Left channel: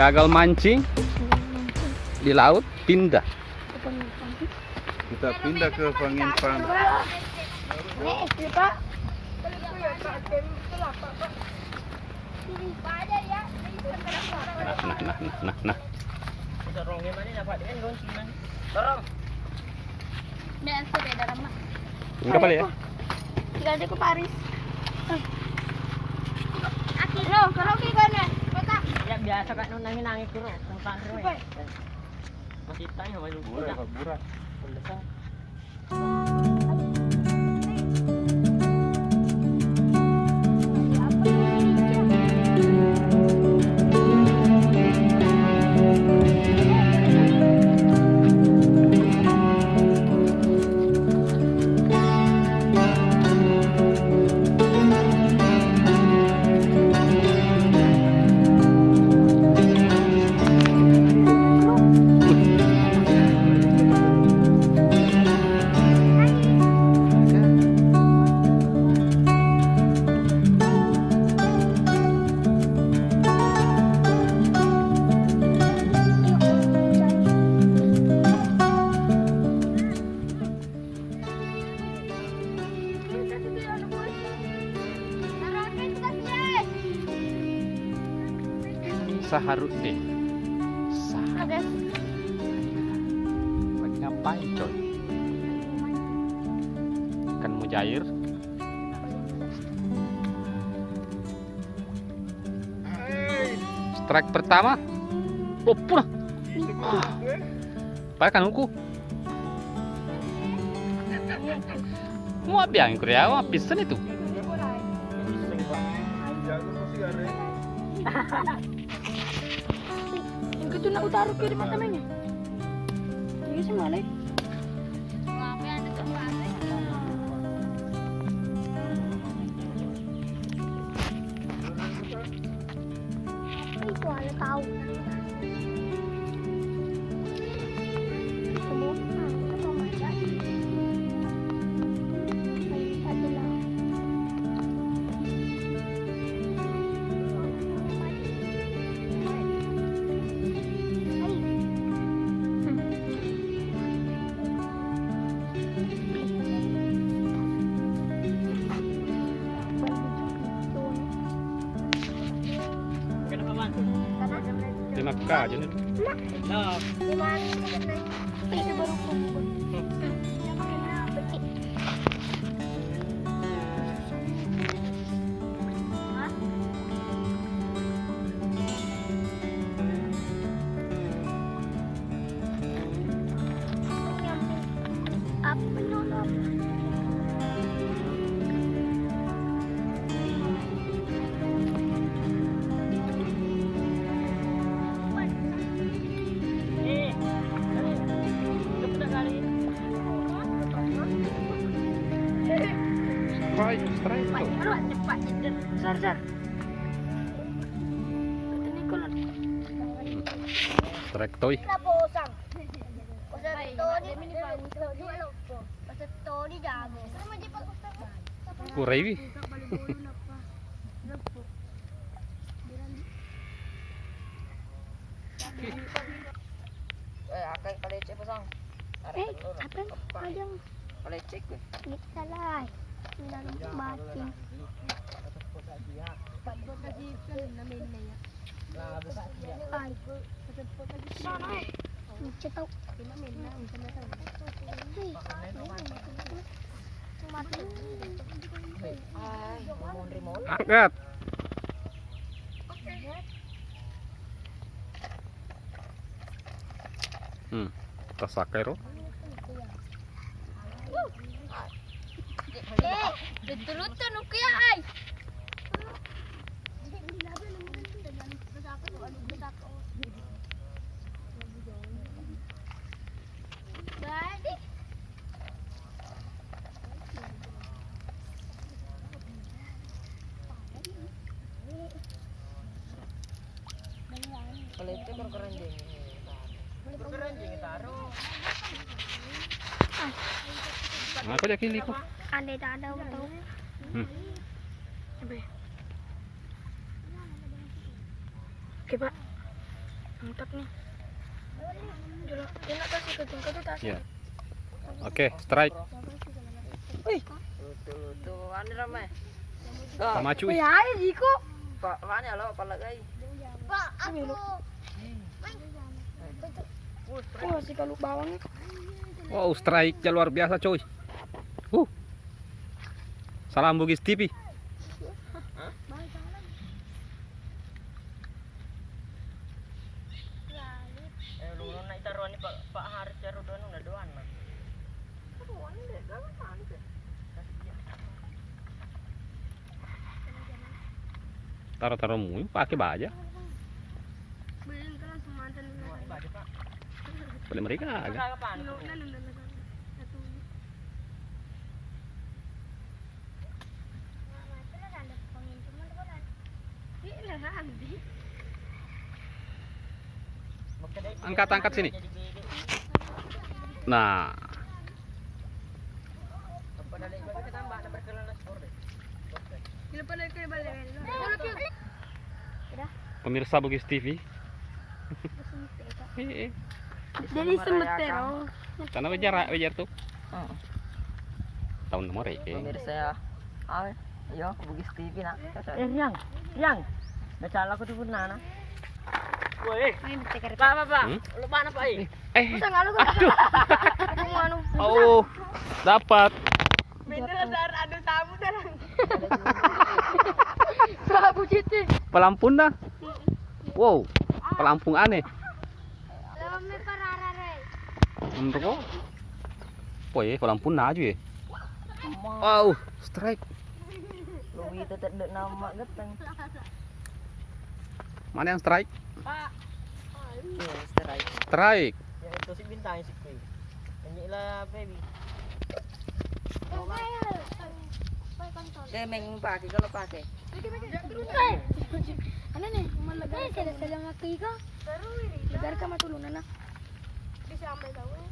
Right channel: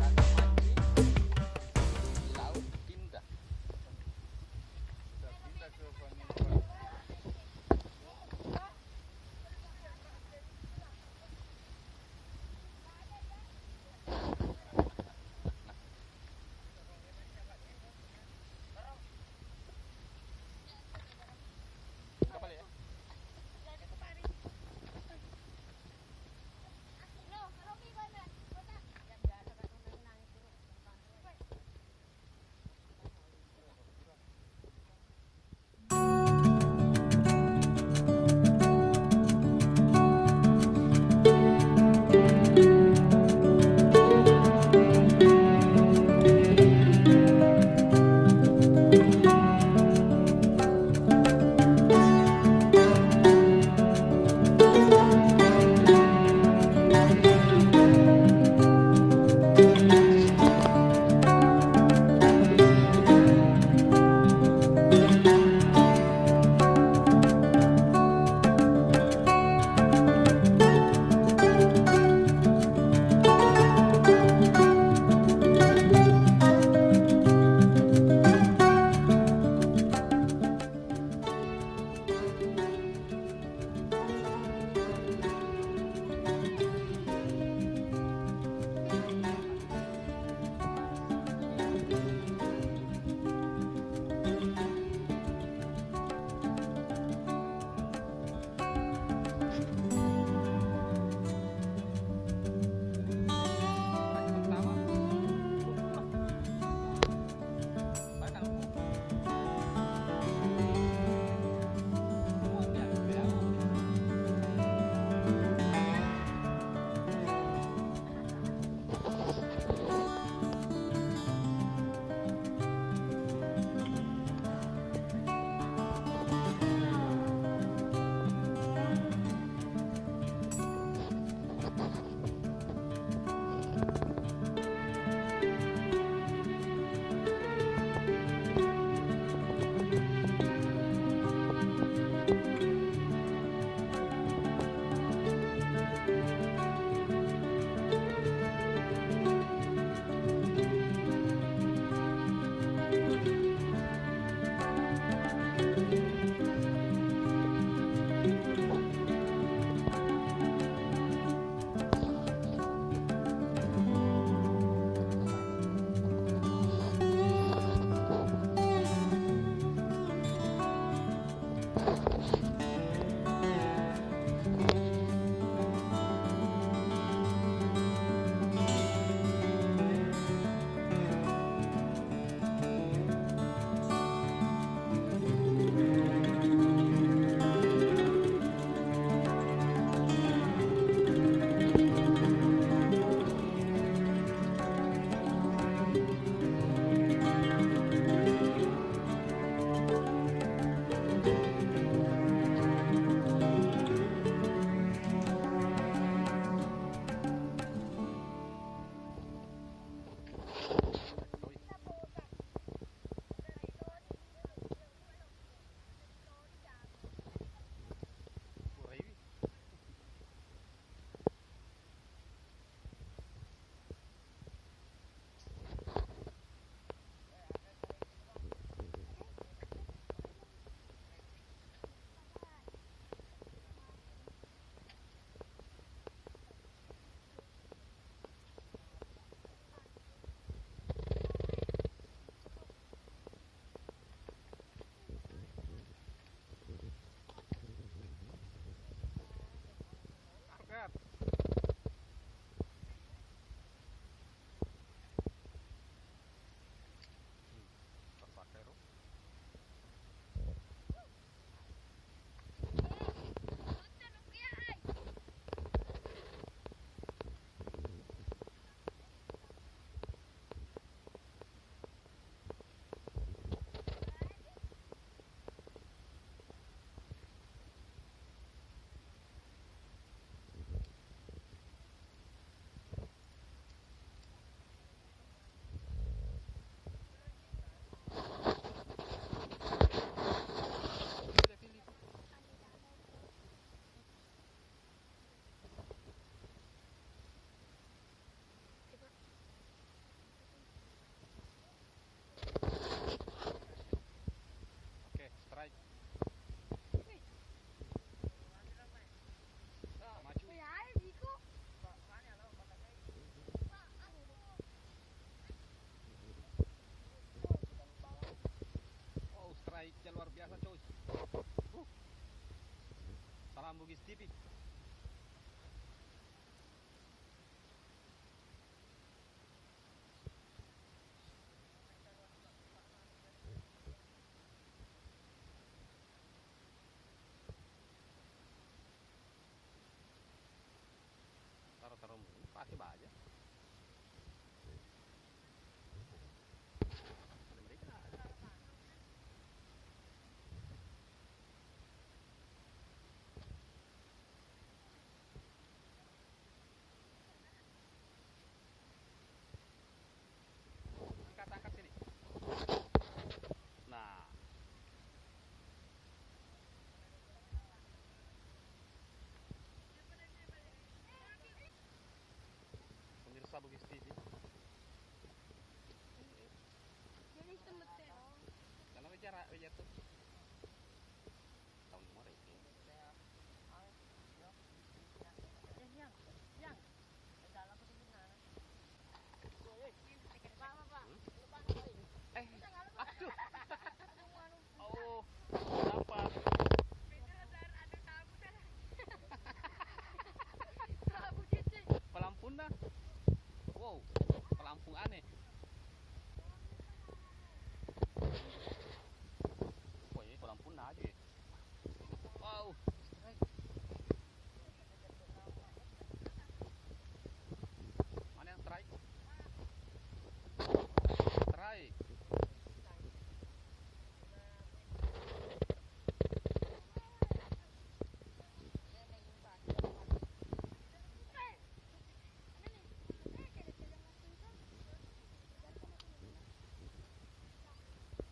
Gagal mancing di laut, pindah. Kita pindah ke Pangimpan. Nah. Enggak balik ya? Tidak ada ke Paris. Akhirnya, kalau kita nih, Ya biasa kan nangis terus, tentang terus. Masih tanya sama lu. Murah. Seharusnya ngapain tuh? Kan mujair. Strike pertama. Oh, pulang. Pakai kanunku. Mau biang Korea, mau pisan itu. itu nak taruh kiri makanannya. Ini semua nih. Aja nih. Strike toy. Kurai. Akan palecek pasang. Apa? Ada Palecek. kita lah. Dalam mati. Ay. Cetok. Angkat. Tasakero. Dulutan oke ya, ay. Palecek berkeranjing. Berkeranjing taruh. Aku yakin iko. Andai tak ada betul. Oke, Pak. Mantap nih. Dia nak kasih ke jengkol tuh tas. Ya. Oke, strike. Wih, Tuh, ane ramai. Sama cuy. wih air Jiko. Pak, mana lo pala guys? Pak, aku. Oh, si kalau bawangnya. Wow, strike-nya luar biasa coy. Salam Bugis TV. Lu naik taruhan ni Pak Haris jaru doan udah doan mah. Taruh-taruh mui pakai baja. Boleh mereka agak. Angkat sini. Nah, pemirsa Bugis TV. Jadi semetero. Karena wajar tuh. Tahun nomor Pemirsa ya. Ayo, Bugis TV nak. Riang. Baca aku tuh pernah nak. Woi, Pak. Lupa apa Pak? Aduh. Oh, dapat. Beneran ada tamu dah. Prabu Citi. Pelampung dah. Wow, pelampung aneh. Untuk kok? Oh ya, pelampung aja ya. Wow, strike. Lu itu tak nama geteng. Mana yang strike? Pak. Strike. Ya itu si bintang si Kui. Inilah baby. Dia main pakai kalau pakai. Ano nih? Malaga sila nga kika. Lagar ka matulunan na. Bisa amay daw eh.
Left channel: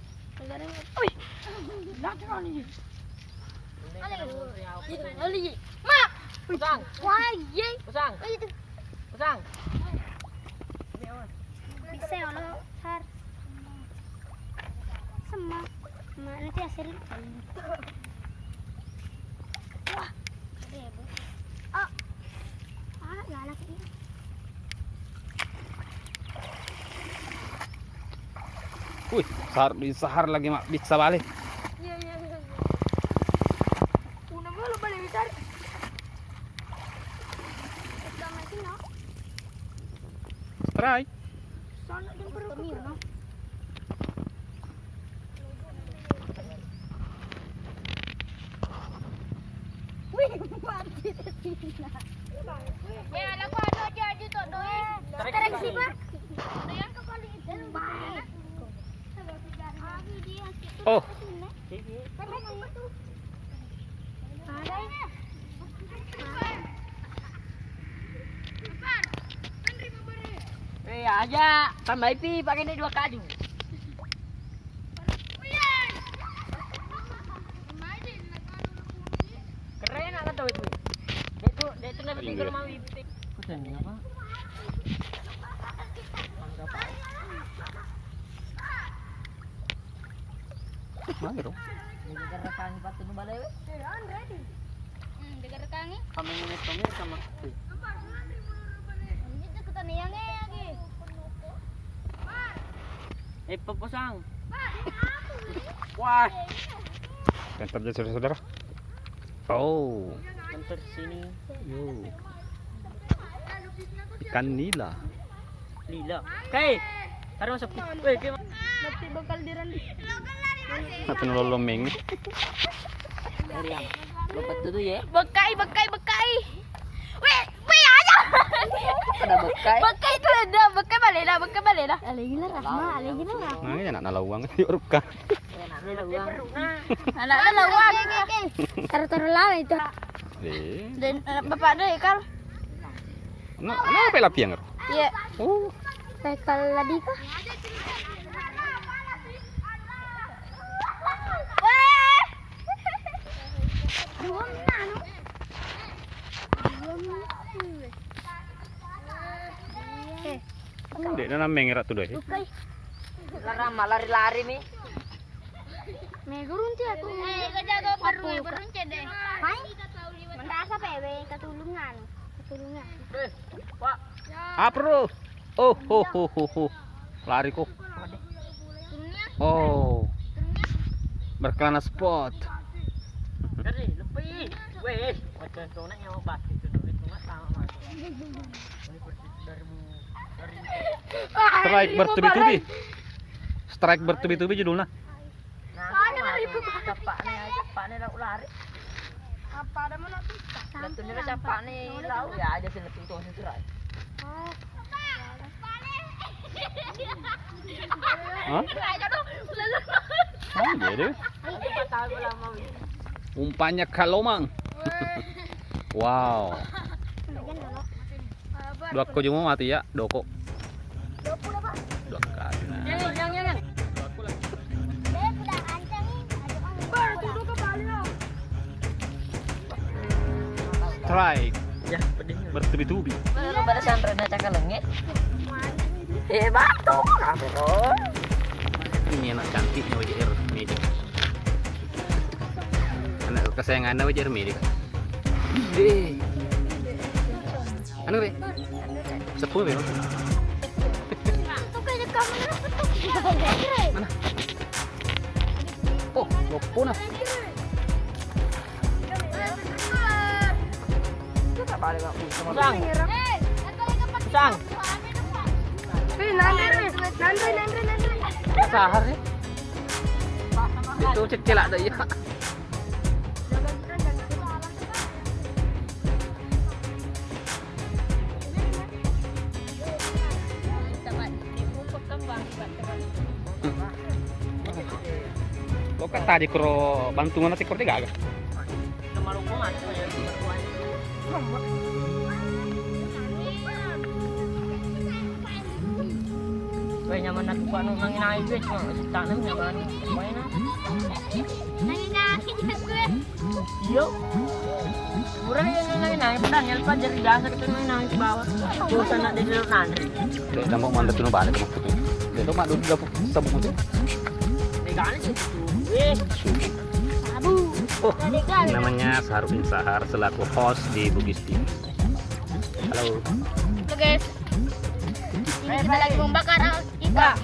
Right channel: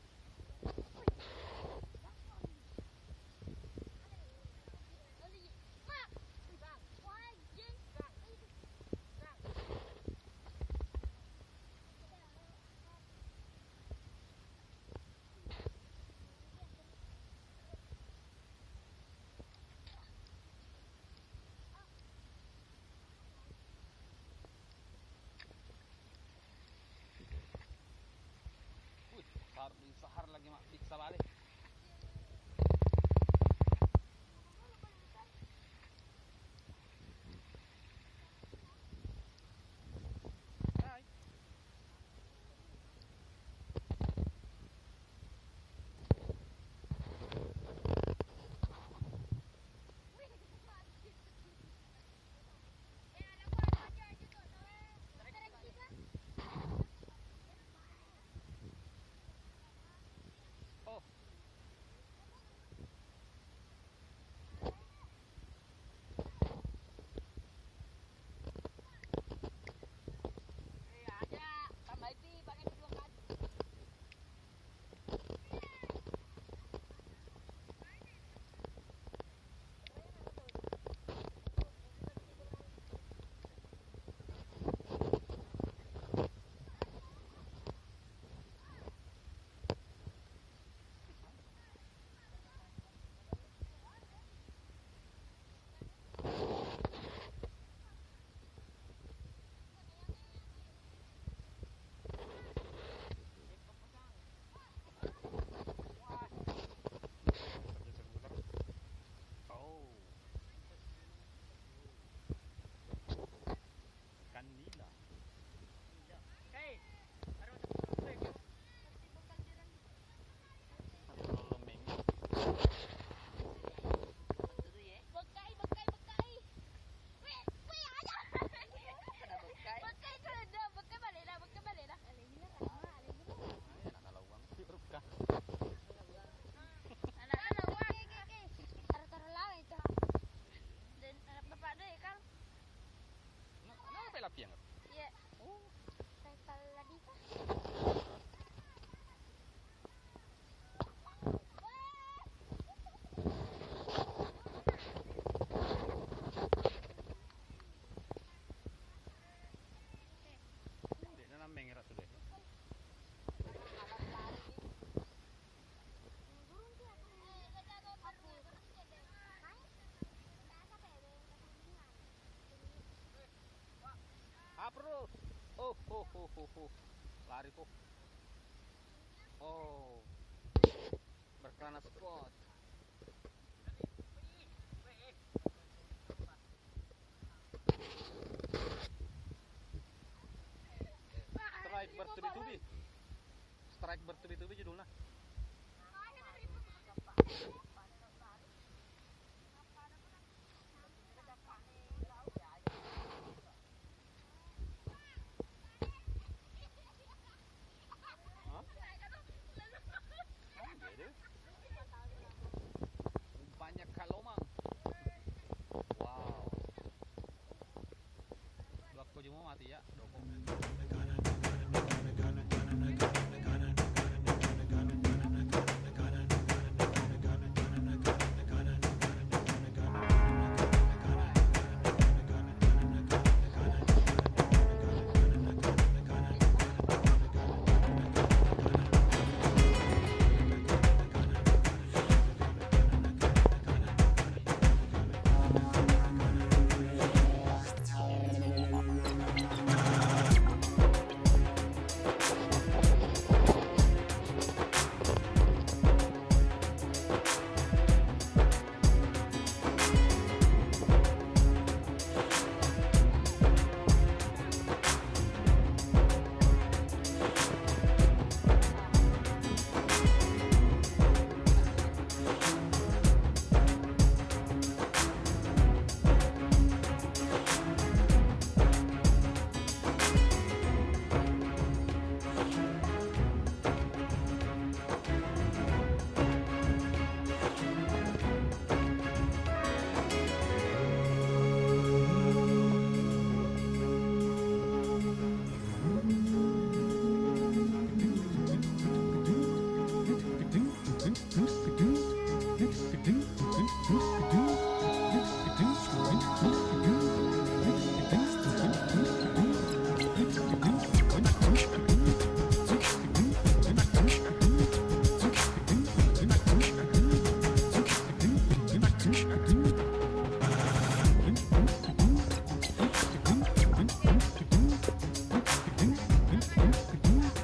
Lagar nga. Uy! Lagar ni. Ali. Ma! Pusang. Why? Yay! Pusang. Pusang. Bisa ano, sar. Sama. Ma, nanti hasil. Wah. Ah. Ah, galak ini. Wih, sahar lagi mak bisa balik. Iya. Una mo lo balik bitar. Sama sih no. Strike. Sana din pero no. Wih, mati sila. May alam ko ano dyan dito, no? Tarik si Mark. Ayan ka pala ito. Oh, Aja, tambah IP pakai ini 2 kaju. Keren nak tahu itu. Dia itu nabi tinggal mau IP. Keren apa? mana dong? Negara rekan patu nu balai we. Degar kangi. Kami sama. Dito kita niyang lagi. Pepusang. Wah, Yang terjadi saudara-saudara. Oh, hampir sini. yo. Ikan nila. Lila. Kai. Taruh masuk. Weh, gimana? Mati bakal dirandi. Apa nololomeng? Dari yang. Lepas itu ya. Bekai. Weh, aja. Ada bekai. Bekai itu ada, bekai balik lah. Alingin lah, Nah, ini anak nalawang di urupkan. Anak lawang. Taruh lah itu. Dan bapak ada ikal. Apa lapiang? Iya. Oh, Ikal lagi kah? na nameng rat tuh deh. Tukay. Larama, lari-lari nih. May gurun siya to. Kajago parun deh. Hai. Mantasa pewe katulungan. Katulungan. Pak. Apro. Oh, ho, ho, ho, ho. Lari kok. Oh. Berkelana spot. Dari lebih. Weh, macam zona yang mau basket itu nggak sama. Strike bertubi-tubi. Strike bertubi-tubi judulnya. Capaknya lau lari. Apa ada mana tuh? Betulnya capaknya lau ya aja sini tuh strike. Hah? Ah, jadi. Umpannya kalomang. Wow. Dua ko cuma mati ya, doko. Dua kali. Nah. Yang. Strike Ya, pedih. bertubi-tubi. Lu pada santrena cakalengge. Batu. Apa tuh? Ini anak cantik wajar milik. Anak kesayangan wajar milik. Anu be? Sepuluh be. Mana? Oh, lopuna. Sang. Sang. Sahar ya. Itu cekil ada ya. Lo kan tadi kro bantungan nanti kro gak agak. Weh nyaman na tupa nung nanginain weh cuma tanam nyaman main na. Yo. Murah yang nanginain pedang yang pa jadi dasar kan nanginain ke bawah. Bosan nak di luar nanti. Kita mau mandek tuh balik. Itu mah udah temu. Tegane sih. Oh, namanya Sarwin Sahar selaku host di Bugis TV. Halo. Guys, kita lagi membakar ikan.